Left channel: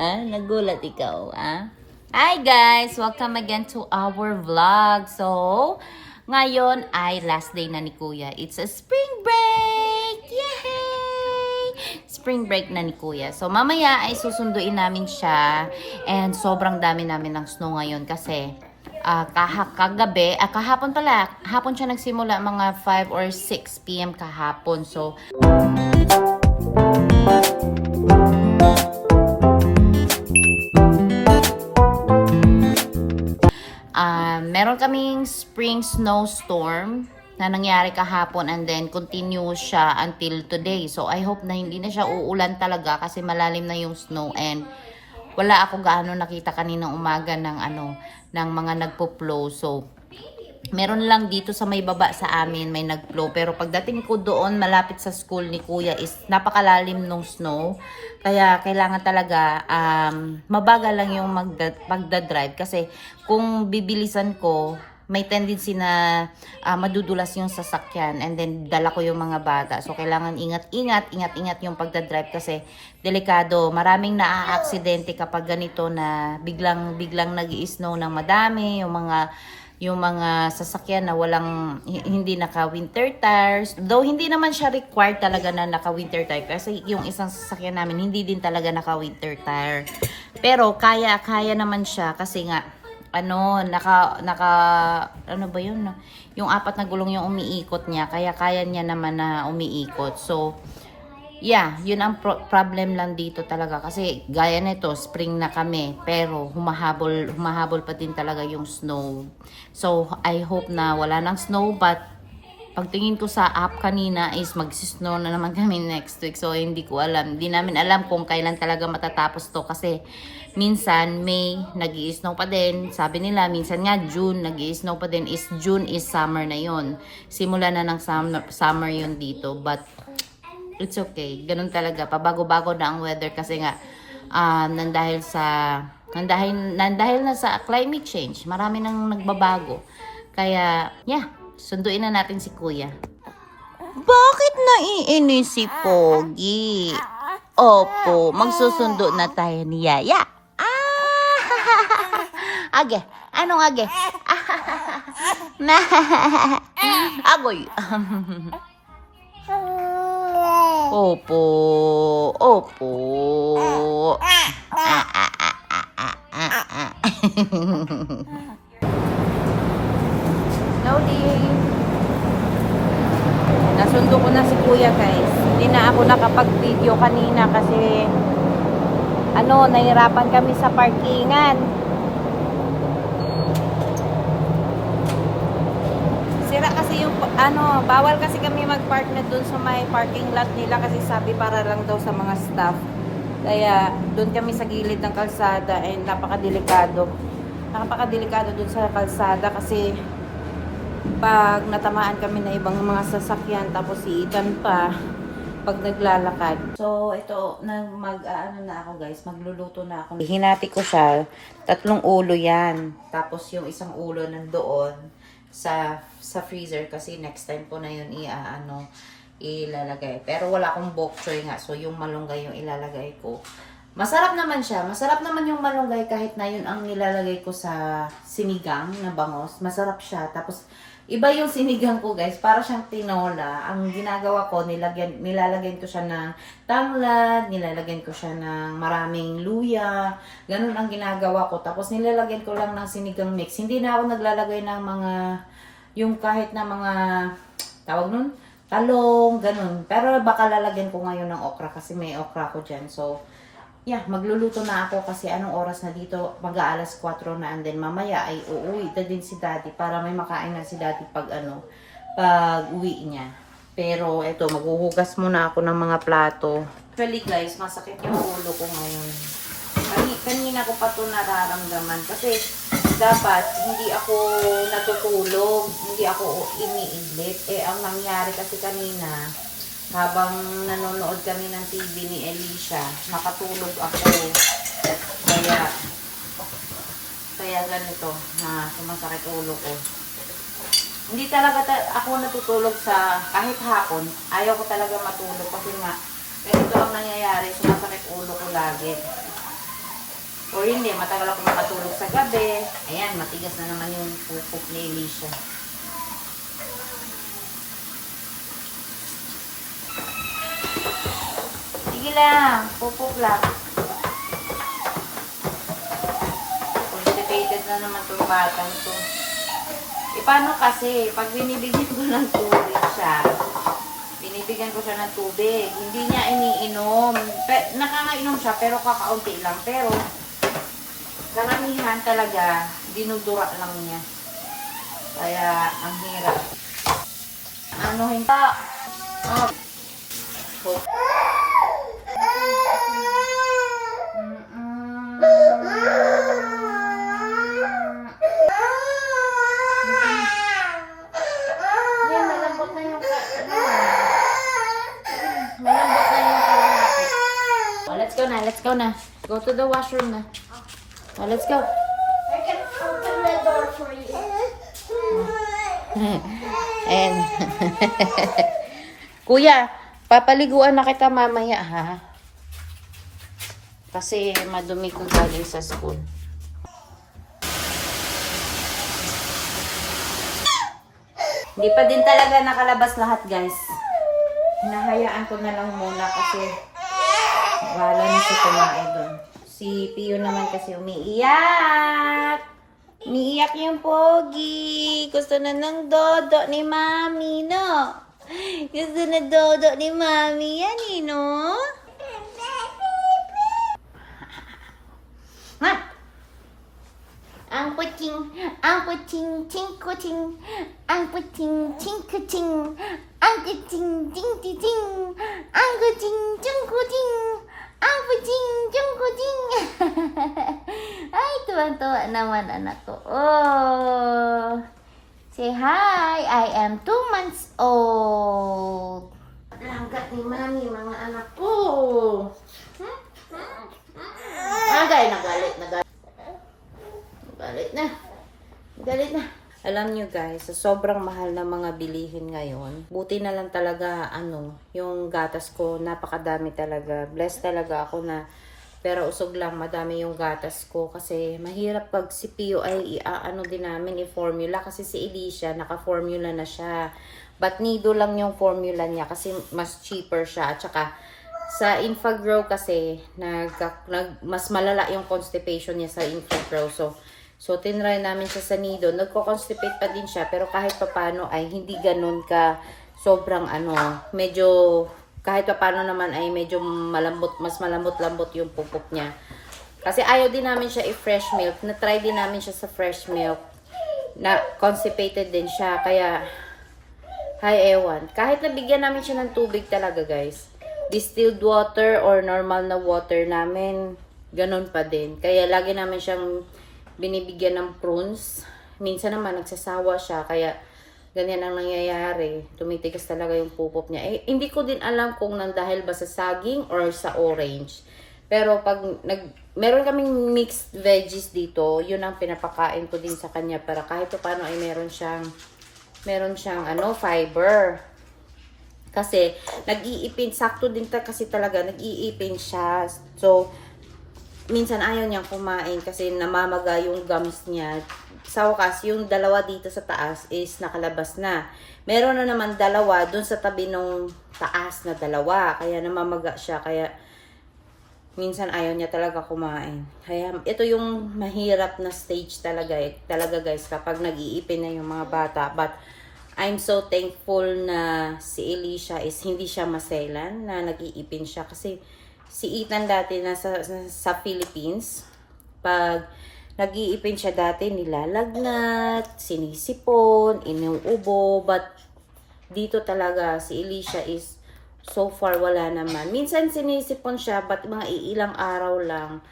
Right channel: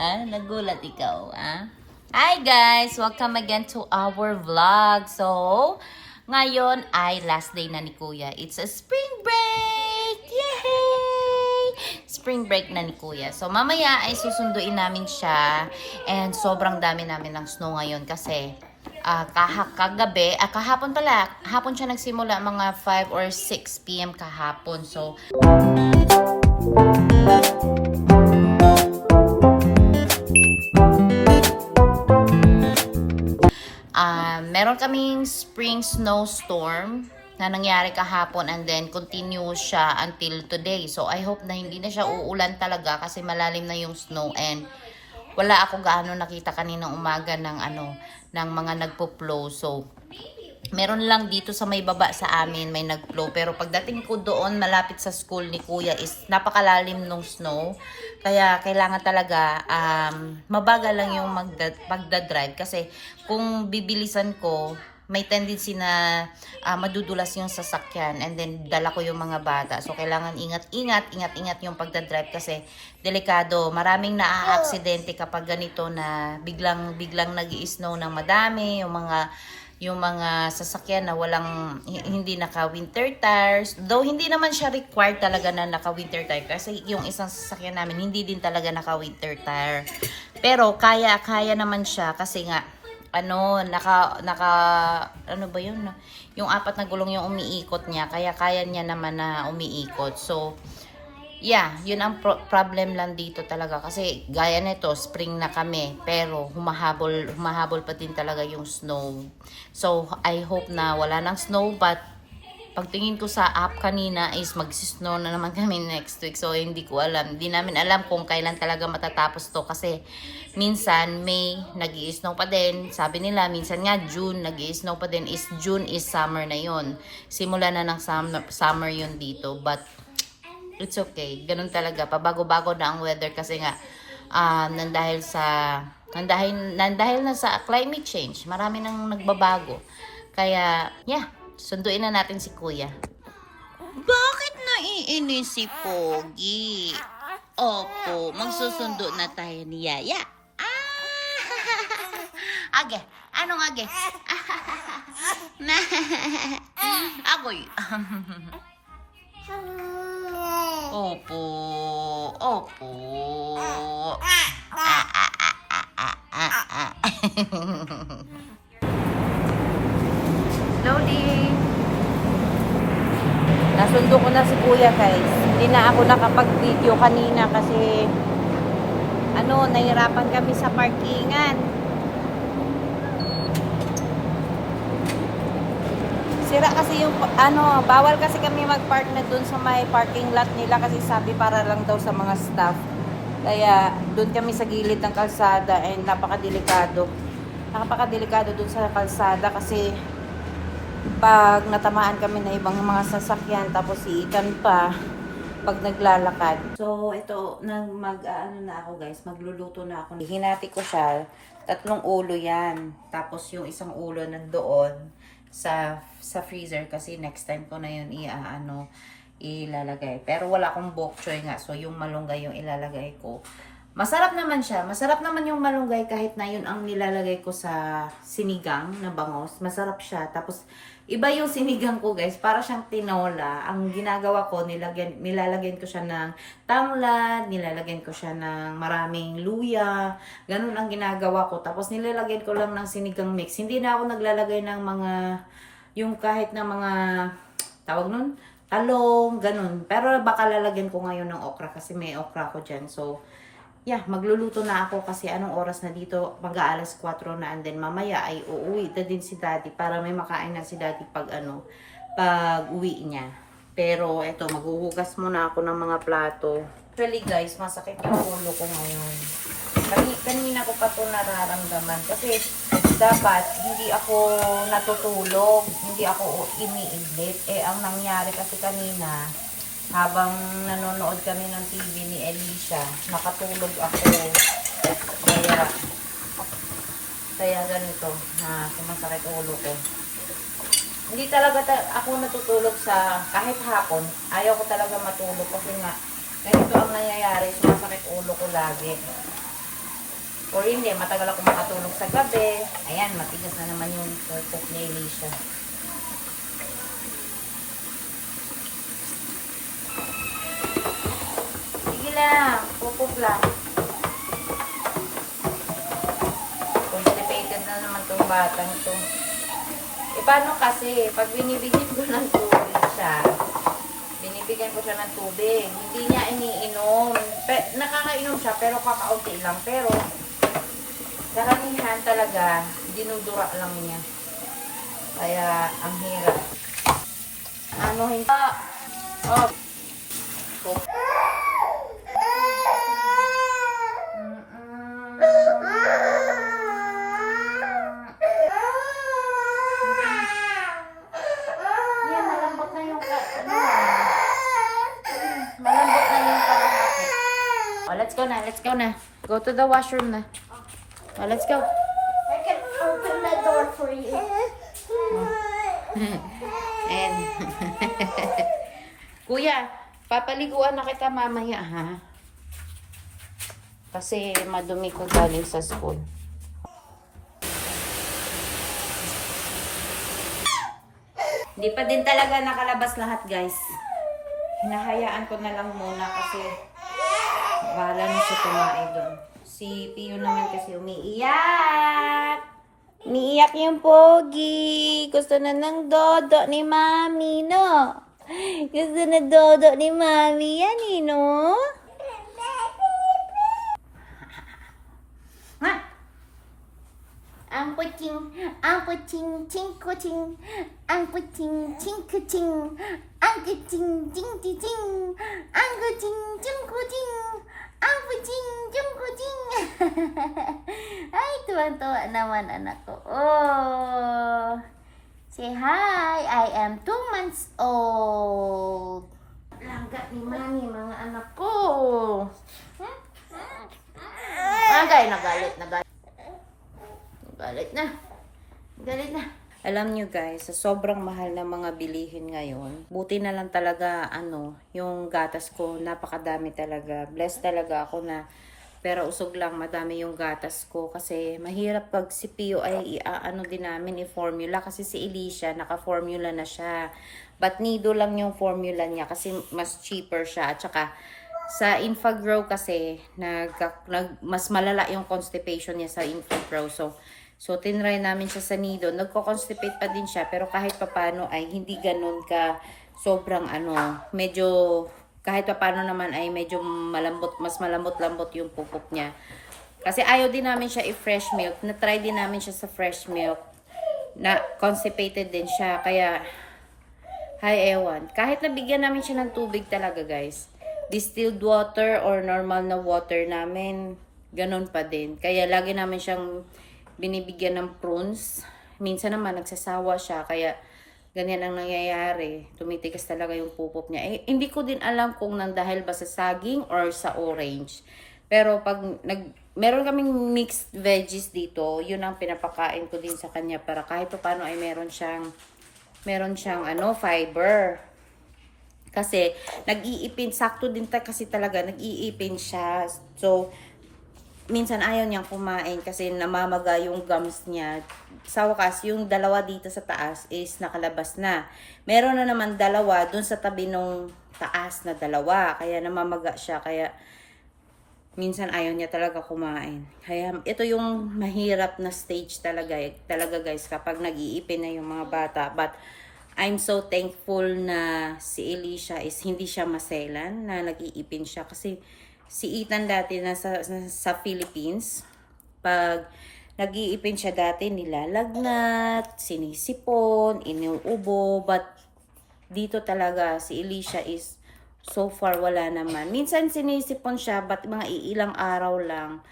Nagulat ikaw, Hi guys! Welcome again to our vlog. So, ngayon ay last day na ni Kuya. It's a spring break! Yay! Spring break na ni Kuya. So, mamaya ay susunduin namin siya. And sobrang dami namin ng snow ngayon kasi kahapon pala. Hapon siya nagsimula mga 5 or 6 p.m. kahapon. So, meron kaming spring snowstorm na nangyari kahapon and then continue siya until today. So, I hope na hindi na siya uulan talaga kasi malalim na yung snow and wala ako gaano nakita kaninang umaga ng mga nagpo-plow. So, meron lang dito sa may baba sa amin may nag-plow. Pero pagdating ko doon malapit sa school ni Kuya is napakalalim nung snow. Kaya kailangan talaga mabagal lang yung magdadrive kasi kung bibilisan ko may tendency na madudulas yung sasakyan and then dala ko yung mga bata. So kailangan ingat yung pagdadrive kasi delikado. Maraming naa-aksidente kapag ganito na biglang nag-i-snow ng madami, yung mga sasakyan na hindi naka-winter tires. Though hindi naman siya required talaga na naka-winter tire kasi yung isang sasakyan namin hindi din talaga naka-winter tire. Pero kaya naman siya kasi nga ano ba yun? Yung 4 na gulong yung umiikot niya kaya niya naman na umiikot. So yeah, yun ang problem lang dito talaga kasi gaya nito, spring na kami pero humahabol pa din talaga yung snow. So I hope na wala nang snow but pagtingin ko sa app kanina is mag-snow na naman kami next week. So hindi namin alam kung kailan talaga matatapos to kasi minsan May nag-i-snow pa din. Sabi nila minsan nga June nag-i-snow pa din. June is summer na yon. Simula na ng summer yun dito but it's okay. Ganun talaga. Pabago-bago na ang weather kasi nga nandahil na sa climate change. Marami nang nagbabago. Kaya, yeah, sunduin na natin si Kuya. Bakit naiinis si Pogi? Opo, magsusundo na tayo ni Yaya. Age, anong age? Agoy. Opo. Loading. Nasundo ko na si Kuya guys. Hindi na ako nakapag-video kanina kasi nahirapan kami sa parkingan. Sira kasi yung bawal kasi kami mag-park na dun sa may parking lot nila kasi sabi para lang daw sa mga staff. Kaya dun kami sa gilid ng kalsada and napakadelikado. Napakadelikado dun sa kalsada kasi pag natamaan kami na ibang mga sasakyan tapos iitan pa pag naglalakad. So ito na ako guys, magluluto na ako. Hinati ko siya, 3 ulo yan. Tapos yung isang ulo nandoon sa freezer kasi next time ko na yun ilalagay. Pero wala akong bok choy nga. So yung malunggay yung ilalagay ko. Masarap naman siya. Masarap naman yung malunggay kahit na yun ang nilalagay ko sa sinigang na bangos. Masarap siya. Tapos iba yung sinigang ko guys. Para siyang tinola. Ang ginagawa ko, nilalagyan ko siya ng tanglad, nilalagyan ko siya ng maraming luya. Ganun ang ginagawa ko. Tapos nilalagyan ko lang ng sinigang mix. Hindi na ako naglalagay ng yung kahit na mga tawag nun, talong, ganun. Pero baka lalagyan ko ngayon ng okra kasi may okra ko dyan. So, yeah, magluluto na ako kasi anong oras na dito? Mag-aalas 4 na and then mamaya ay uuwi na din si Daddy para may makain na si Daddy pag uwi niya. Pero eto, maghuhugas muna ako ng mga plato. Actually guys, masakit yung ulo ko ngayon. Kanina ko pa ito nararamdaman kasi dapat hindi ako natutulog, hindi ako iniidlit. Ang nangyari kasi kanina, habang nanonood kami ng TV ni Alicia, nakatulog ako. Kaya ganito, na sumasakit ulo ko. Hindi talaga ako natutulog kahit hapon. Ayaw ko talaga matulog kasi nga, ganito ang nangyayari, sumasakit ulo ko lagi. O hindi, matagal ako makatulog sa gabi. Ayan, matigas na naman yung pupok ni Alicia. Sige lang, pupok lang. Constipated na naman itong batang to. E paano kasi, pag binibigyan ko ng tubig siya, binibigyan ko siya ng tubig, hindi niya iniinom. Nakakainom siya, pero kakaunti lang. Pero, karamihan talaga, dinudura lang niya. Kaya, ang hirap. Ano, hindi. Oh. Yan, malambot na yung malambot na yung kalahati. Oh, let's go na, let's go na. Go to the washroom na. Oh, let's go. I can open the door for you. And, Kuya, papaliguan na kita mamaya, ha? Kasi madumi ko galing sa school. Hindi pa din talaga nakalabas lahat, guys. Hinahayaan ko na lang muna kasi wala na siya kumain doon. Si Pio naman kasi umiiyak. Umiiyak yung pogi. Gusto na ng dodo ni Mami, no? Gusto na dodo ni Mami yan, eh, no? Ha? Ang puting, ting-kuting, ang puting, ting-kuting, ang kuting, ting-ting, ang kuting, ting-kuting, ang puting, ting-kuting. Ay, tuwan-tuwa naman anak ko. Oh, say hi, I am 2 months old. Langgat ni Mami, mga anak ko. Agay, nagalit. Galit na. Alam nyo guys, sa sobrang mahal na mga bilihin ngayon, buti na lang talaga, yung gatas ko, napakadami talaga. Blessed talaga ako na, pero usog lang, madami yung gatas ko. Kasi mahirap pag si Pio ay din namin, i-formula. Kasi si Alicia, naka-formula na siya. But nido lang yung formula niya kasi mas cheaper siya. At saka, sa Infagrow kasi, mas malala yung constipation niya sa Infagrow. So, tinry namin siya sa nido. Nagko-constipate pa din siya. Pero kahit papano ay hindi ganun ka sobrang medyo, kahit papano naman ay medyo malambot, mas malambot-lambot yung pupok niya. Kasi ayaw din namin siya i-fresh milk. Na-try din namin siya sa fresh milk. Na constipated din siya. Kaya, ewan. Kahit nabigyan namin siya ng tubig talaga guys. Distilled water or normal na water namin, ganun pa din. Kaya lagi namin siyang binibigyan ng prunes. Minsan naman nagsasawa siya, kaya ganyan ang nangyayari. Tumitigas talaga yung pupok niya. Hindi ko din alam kung nang dahil ba sa saging or sa orange. Pero pag meron kaming mixed veggies dito, yun ang pinapakain ko din sa kanya para kahit paano ay meron siyang fiber. Kasi nag-iipin, sakto din kasi talaga nag-iipin siya. So minsan ayaw niyang kumain kasi namamaga yung gums niya. Sa wakas, yung dalawa dito sa taas is nakalabas na. Meron na naman dalawa dun sa tabi nung taas na dalawa. Kaya namamaga siya. Kaya minsan ayaw niya talaga kumain. Kaya ito yung mahirap na stage talaga guys kapag nag-iipin na yung mga bata. But I'm so thankful na si Alicia is hindi siya maselan na nag-iipin siya kasi si Ethan dati sa Philippines, pag nag-iipin siya dati, nilalagnat, sinisipon, inuubo, but dito talaga si Alicia is so far wala naman. Minsan sinisipon siya, but mga ilang araw lang.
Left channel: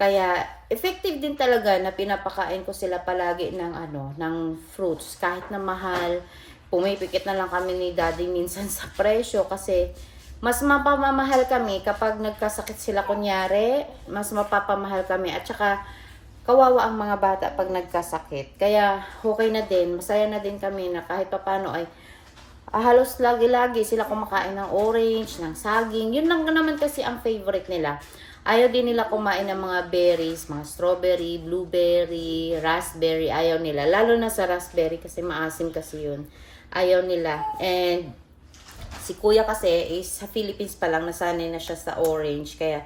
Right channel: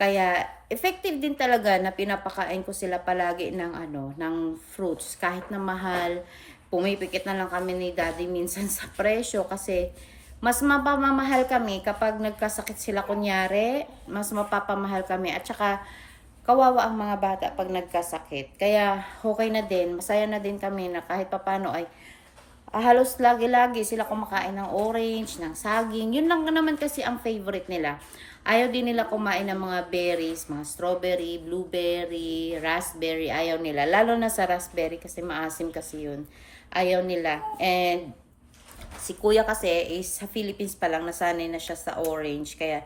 Kaya effective din talaga na pinapakain ko sila palagi ng fruits. Kahit na mahal, pumipikit na lang kami ni Daddy minsan sa presyo kasi mas mapamamahal kami kapag nagkasakit sila kunyari, mas mapapamahal kami at saka kawawa ang mga bata pag nagkasakit. Kaya okay na din, masaya na din kami na kahit papano ay halos lagi-lagi sila kumakain ng orange, ng saging. Yun lang naman kasi ang favorite nila. Ayaw din nila kumain ng mga berries, mga strawberry, blueberry, raspberry. Ayaw nila. Lalo na sa raspberry kasi maasim kasi yun. Ayaw nila. And si kuya kasi is sa Philippines pa lang, nasanay na siya sa orange. Kaya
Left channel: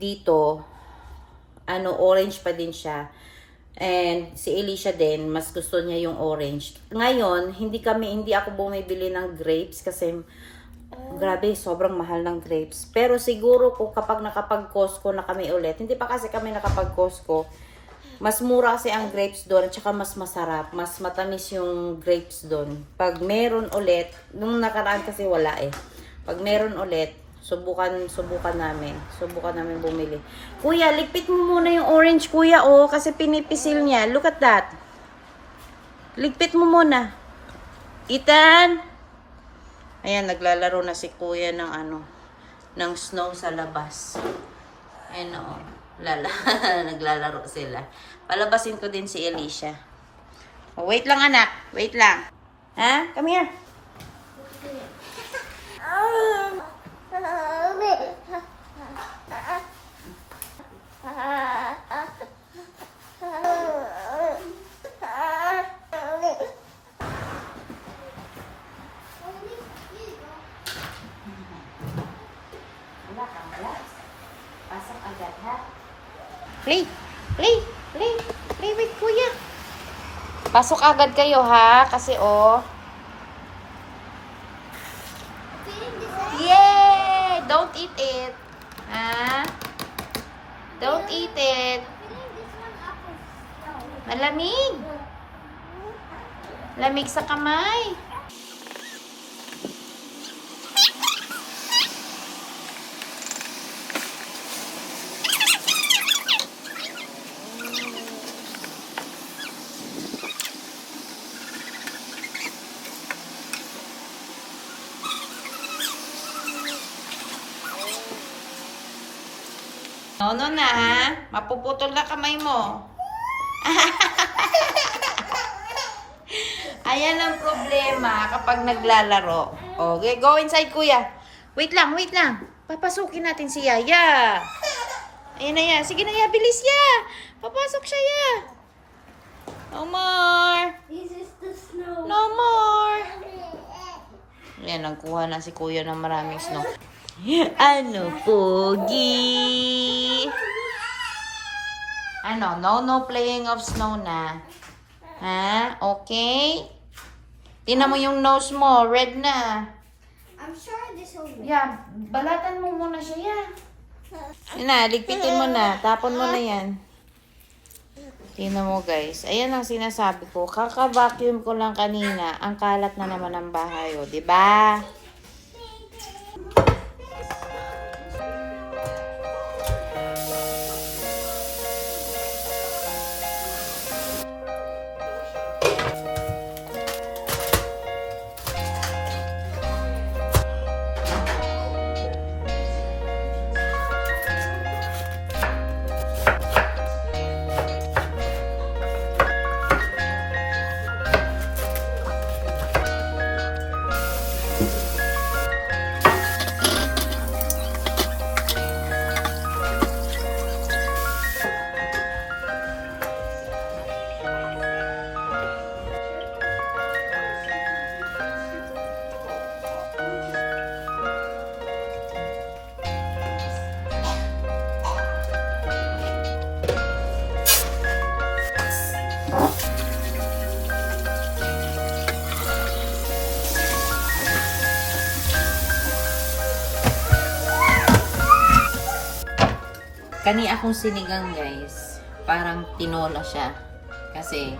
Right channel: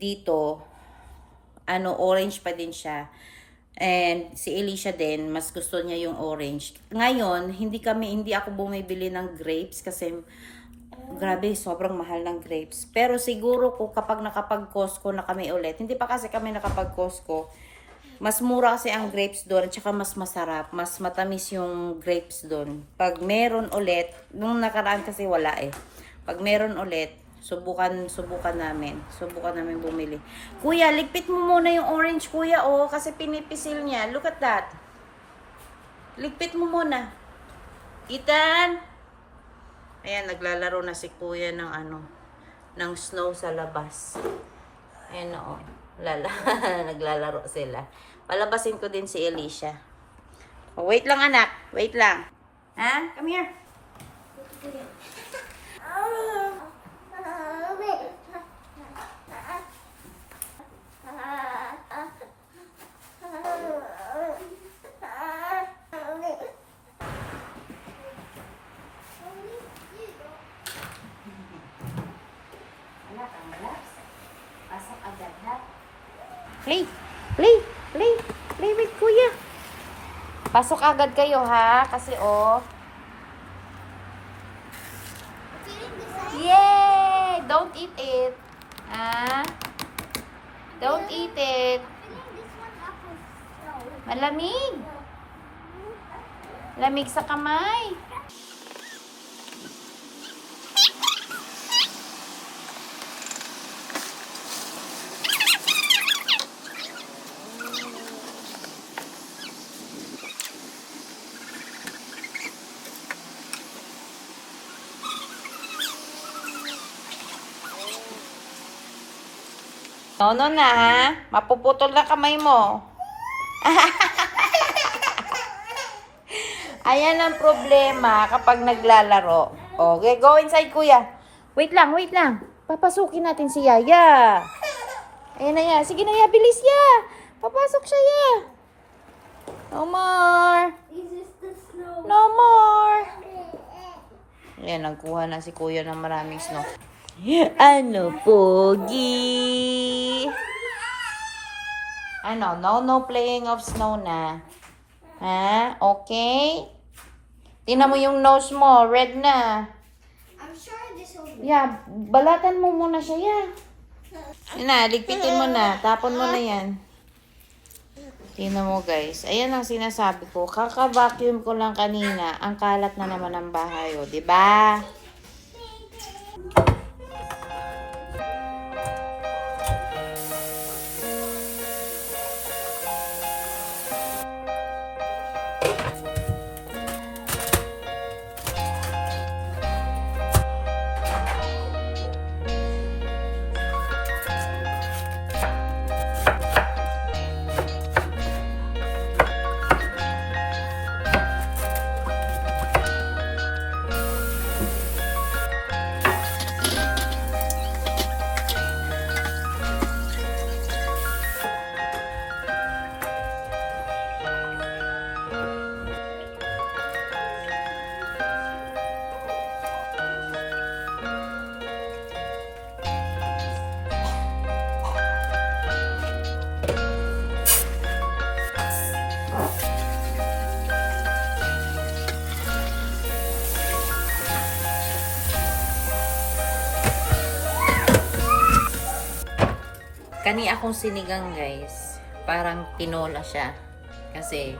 dito, orange pa din siya. And si Alicia din, mas gusto niya yung orange. Ngayon, hindi ako bumibili ng grapes kasi grabe, sobrang mahal ng grapes. Pero siguro kung kapag nakapag-Costco na kami ulit, hindi pa kasi kami nakapag-Costco, mas mura kasi ang grapes doon, at saka mas masarap, mas matamis yung grapes doon. Pag meron ulit, nung nakaraan kasi wala eh. Pag meron ulit, subukan namin bumili. Kuya, ligpit mo muna yung orange, kuya, oh, kasi pinipisil niya. Look at that. Ligpit mo muna. Ethan! Ayan, naglalaro na si kuya ng snow sa labas. Ayun o, naglalaro sila. Palabasin ko din si Alicia. Oh, wait lang anak, wait lang. Ha? Come here. Wala kang relax. Pasok agad ha. Play with kuya. Pasok agad kayo ha, kasi oh. Yay! Don't eat it. Ha? Don't eat it. Malamig. Lamig sa kamay. No na ha. Mapuputol na kamay mo. Ayan ang problema kapag naglalaro. Okay, go inside kuya. Wait lang. Papasukin natin si Yaya. Ayan na yan. Sige na ya, bilis ya. Papasok siya ya. No more. This is the snow. No more. Ayan, nagkuha na si kuya ng maraming snow. Ano, Pogi? No playing of snow na. Ha? Okay? Tingnan mo yung nose mo, red na. I'm sure this will work. Yeah, balatan mo muna siya, yeah. Yun na, ligpitin mo na. Tapon mo na yan. Tingnan mo guys. Ayan ang sinasabi ko. Kaka-vacuum ko lang kanina. Ang kalat na naman ng bahay, o. Diba? Kani akong sinigang guys, parang tinola siya. Kasi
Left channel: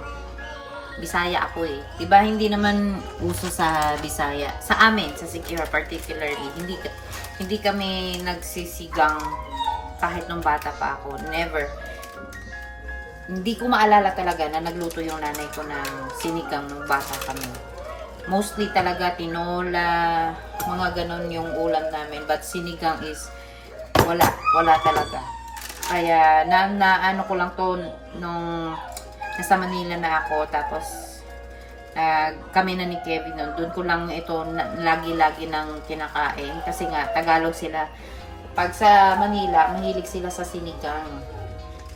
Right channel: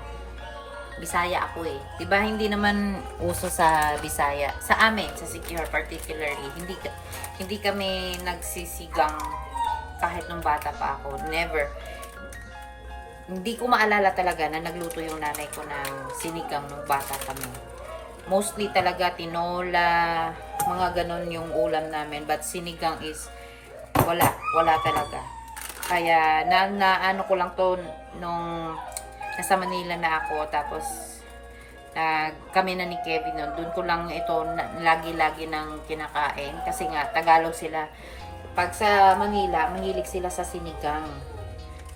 Bisaya ako eh. Diba hindi naman uso sa Bisaya. Sa amin, sa Siquijor particularly, hindi kami nagsisigang kahit nung bata pa ako. Never. Hindi ko maalala talaga na nagluto yung nanay ko ng sinigang nung bata kami. Mostly talaga tinola, mga ganon yung ulam namin. But sinigang is wala talaga. Kaya ano ko lang to nung nasa Manila na ako, tapos kami na ni Kevin nun. Doon ko lang ito lagi-lagi nang kinakain kasi nga Tagalog sila. Pag sa Manila, mahilig sila sa sinigang.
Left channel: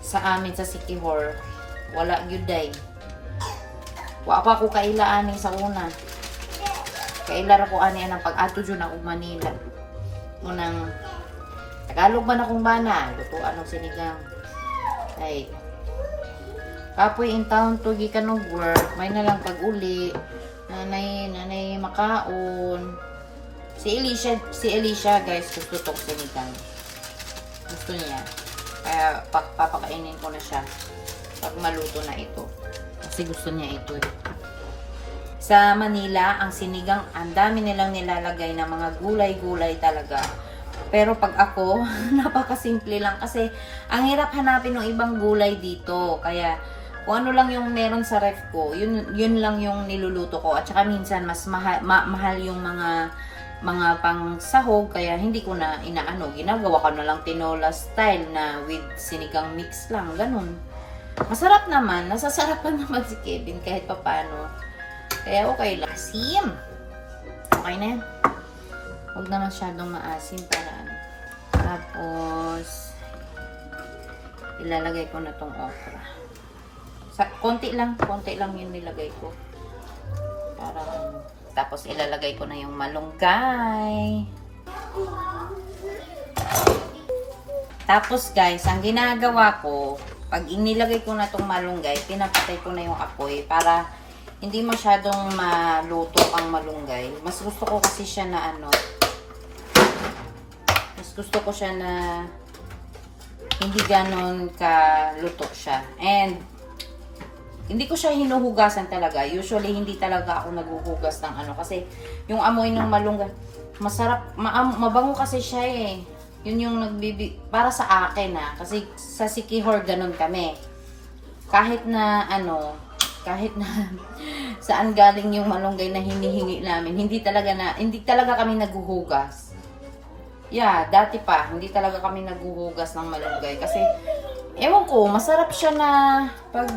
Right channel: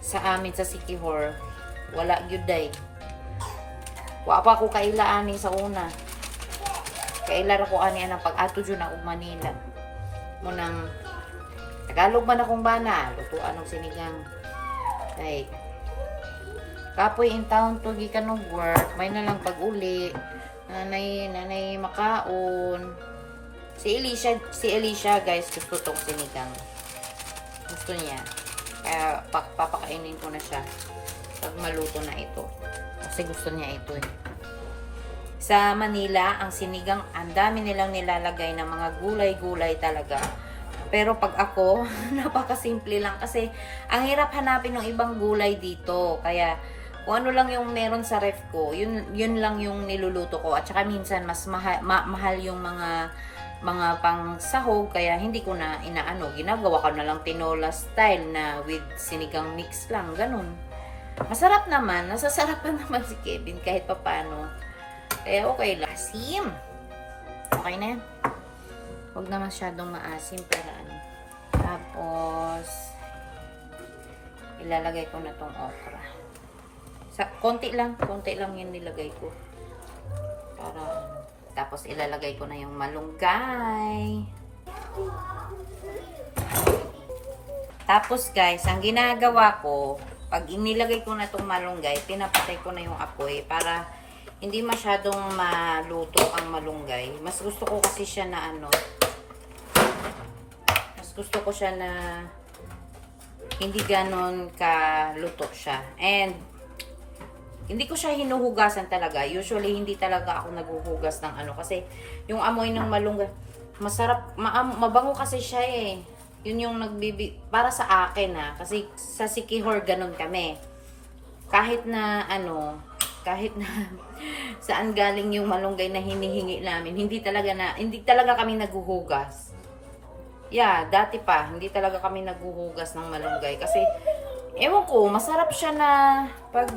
Sa amin, sa Siquijor, wala gyuday. Wa pa ako kaila ani sa una. Kaila ra ko ani ang pag-ato jud ako Manila. Munang Tagalog man akong bana, lutuan og sinigang. Ay. Kapoy in town to gikan og work, may na lang pag-uli. Nanay makaon. Si Alicia guys, gusto tong sinigang. Gusto niya. Kaya papakainin ko na siya pag maluto na ito. Kasi gusto niya ito eh. Sa Manila, ang sinigang, ang dami nilang nilalagay na mga gulay-gulay talaga. Pero pag ako, napakasimple lang. Kasi ang hirap hanapin ng ibang gulay dito. Kaya kung ano lang yung meron sa ref ko, yun lang yung niluluto ko. At saka minsan, mas mahal yung mga pang sahog. Kaya hindi ko na inaano. Ginagawa ko na lang tinola style na with sinigang mix lang. Ganun. Masarap naman. Nasasarapan naman si Kevin kahit papano. Kaya okay lang. Asim. Okay na yan. Huwag na masyadong maasim para ano. Tapos, ilalagay ko na tong okra. Konti lang yun nilagay ko. Para ano. Tapos, ilalagay ko na yung malunggay. Tapos, guys, ang ginagawa ko, pag inilagay ko na tong malunggay, pinapatay ko na yung apoy para hindi masyadong maluto ang malunggay. Mas gusto ko kasi siya na ano, gusto ko siya na hindi ganon kaluto siya. And hindi ko siya hinuhugasan talaga. Usually hindi talaga ako naghuhugas ng ano kasi yung amoy ng malunggay masarap, mabango kasi siya eh. Yun yung para sa akin ha, kasi sa Siquijor ganon kami. Kahit na ano, kahit na saan galing yung malunggay na hinihingi namin, hindi talaga kami naghuhugas. Yeah, dati pa, hindi talaga kami naghuhugas ng malunggay. Kasi, ewan ko, masarap siya na pag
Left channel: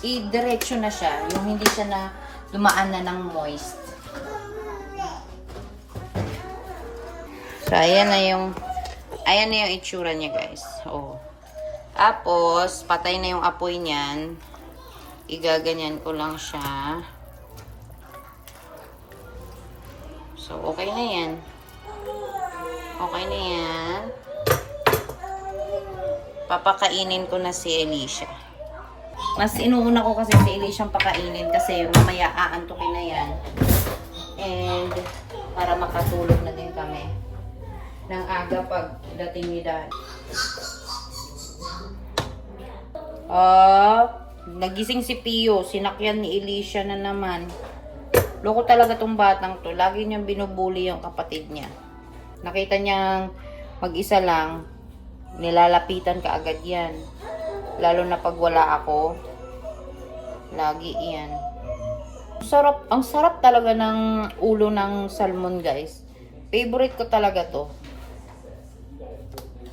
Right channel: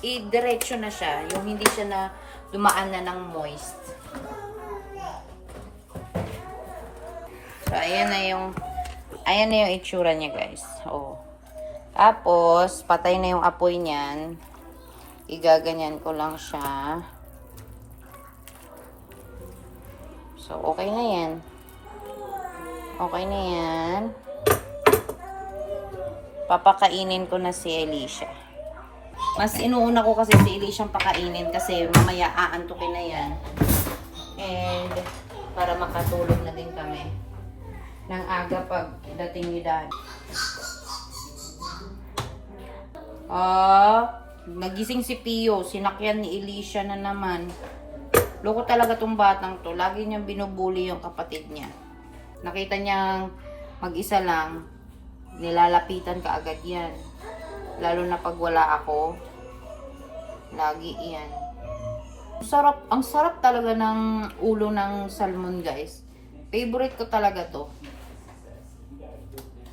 i-diretso na siya. Yung hindi siya na dumaan na ng moist. So, ayan na yung itsura niya, guys. Oh. Tapos, patay na yung apoy niyan. Igaganyan ko lang siya. So, okay na yan. Okay na yan. Papakainin ko na si Alicia. Mas inuuna ko kasi si Alicia pakainin kasi mamaya aantukin na yan. And para makatulog na din kami ng aga pag dating ni Dad. Nagising si Pio. Sinakyan ni Alicia na naman. Loko talaga tong batang to. Lagi niyang binubuli yung kapatid niya. Nakita niyang mag-isa lang, nilalapitan ka agad yan. Lalo na pag wala ako, lagi yan. Ang sarap talaga ng ulo ng salmon, guys. Favorite ko talaga to.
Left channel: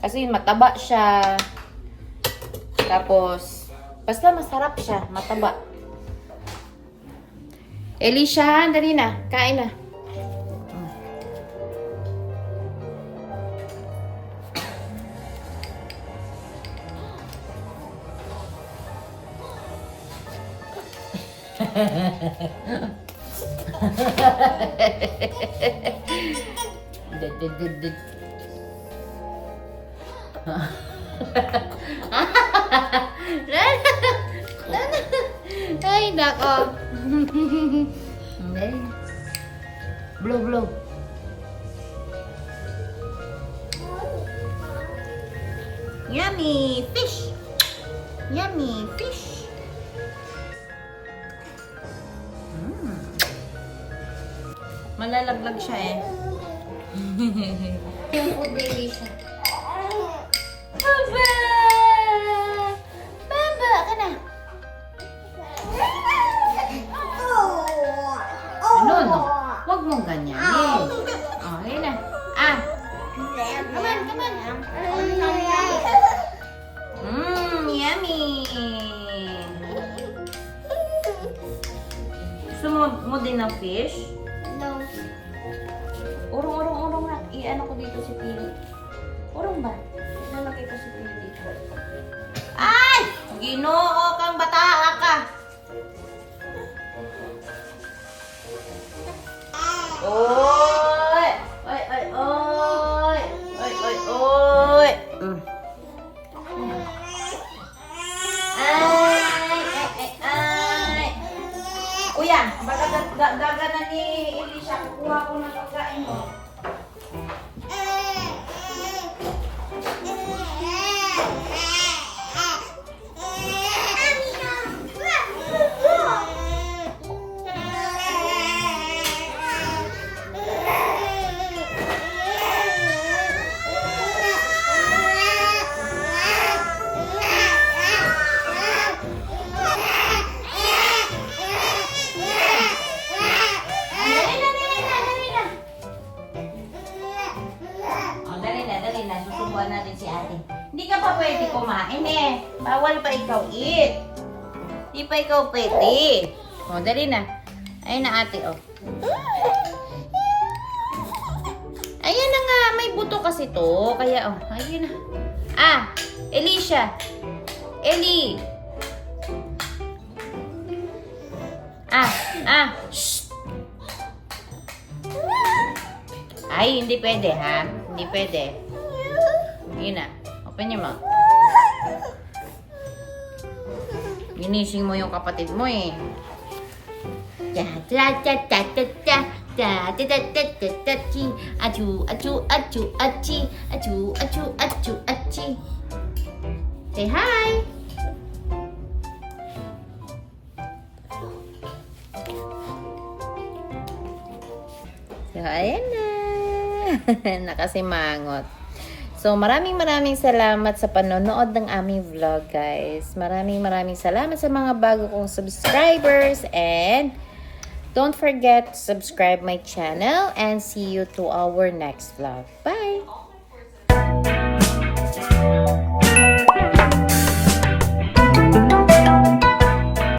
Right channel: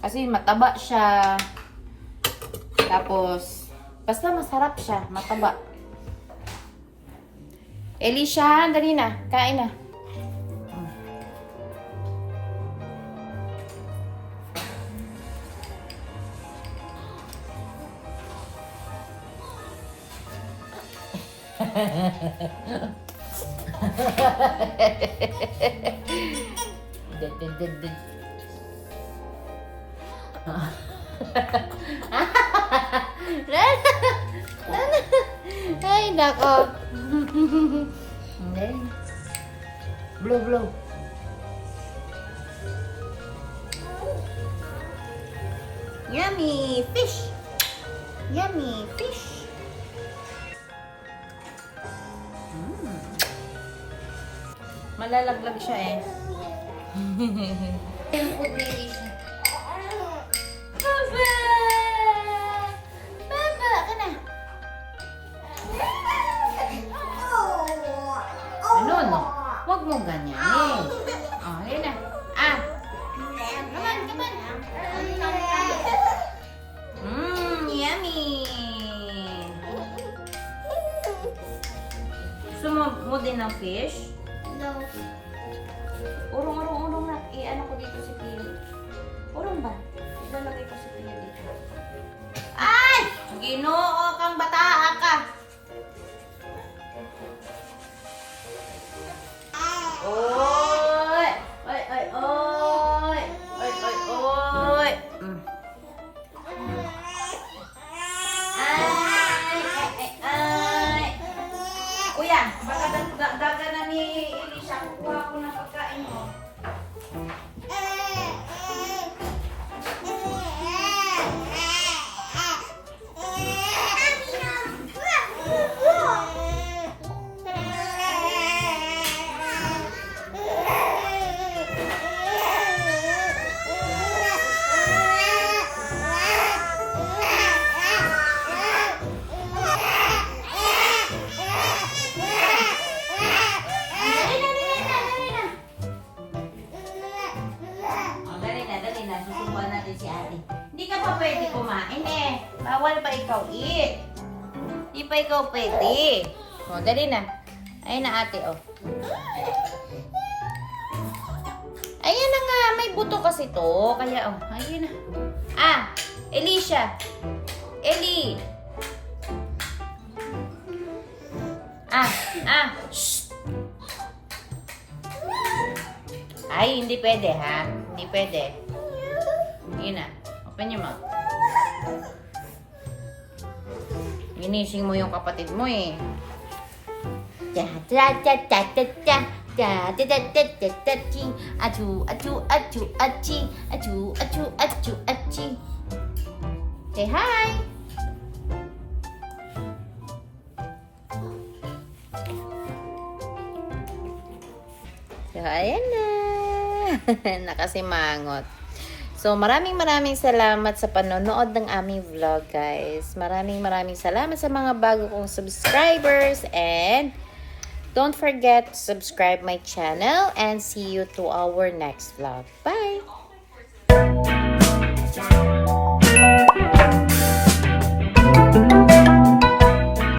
Kasi mataba siya. Tapos, basta masarap siya, mataba. Alicia, dali na, kain na. Ay, nako. Blow. Yummy fish. Yummy fish. Malalaglag siya eh. Yung food baby siya. Baba! Baba ka na. Ano? Huwag mong ganyanin. Oh, yun na. Come on. Yummy. Gusto mo din ng fish? No. Urong na. I-ano ko dito si Pio. Urong ba? Ilalagay ko si Kuya dito. Ay! Ginoo kang bataa ka. Oy! Oy, oy, oy! Oy, oy, oy! Ay! Ay, ay, ay! Kuya, baka daga na ni Elisha. Kukuha ko ng pagkain mo. Dali na. Susubuan natin si ate. Hindi ka pa pwede kumain eh. Bawal pa ikaw eat. Hindi pa ikaw pwede. O, dali na. Ayun na ate, oh. Ayan na nga. May buto kasi to. Kaya, oh. Ayun na. Ah! Elisha! Eli! Shh! Ay, hindi pwede ha. Hindi pwede. Yun na. Open your mouth. Ginising mo yung kapatid mo eh. Say hi. So, ayan na. Nakasimangot. So, maraming salamat sa panonood ng aming vlog, guys. Maraming salamat sa mga bago kong subscribers. And don't forget to subscribe my channel. And see you to our next vlog. Bye!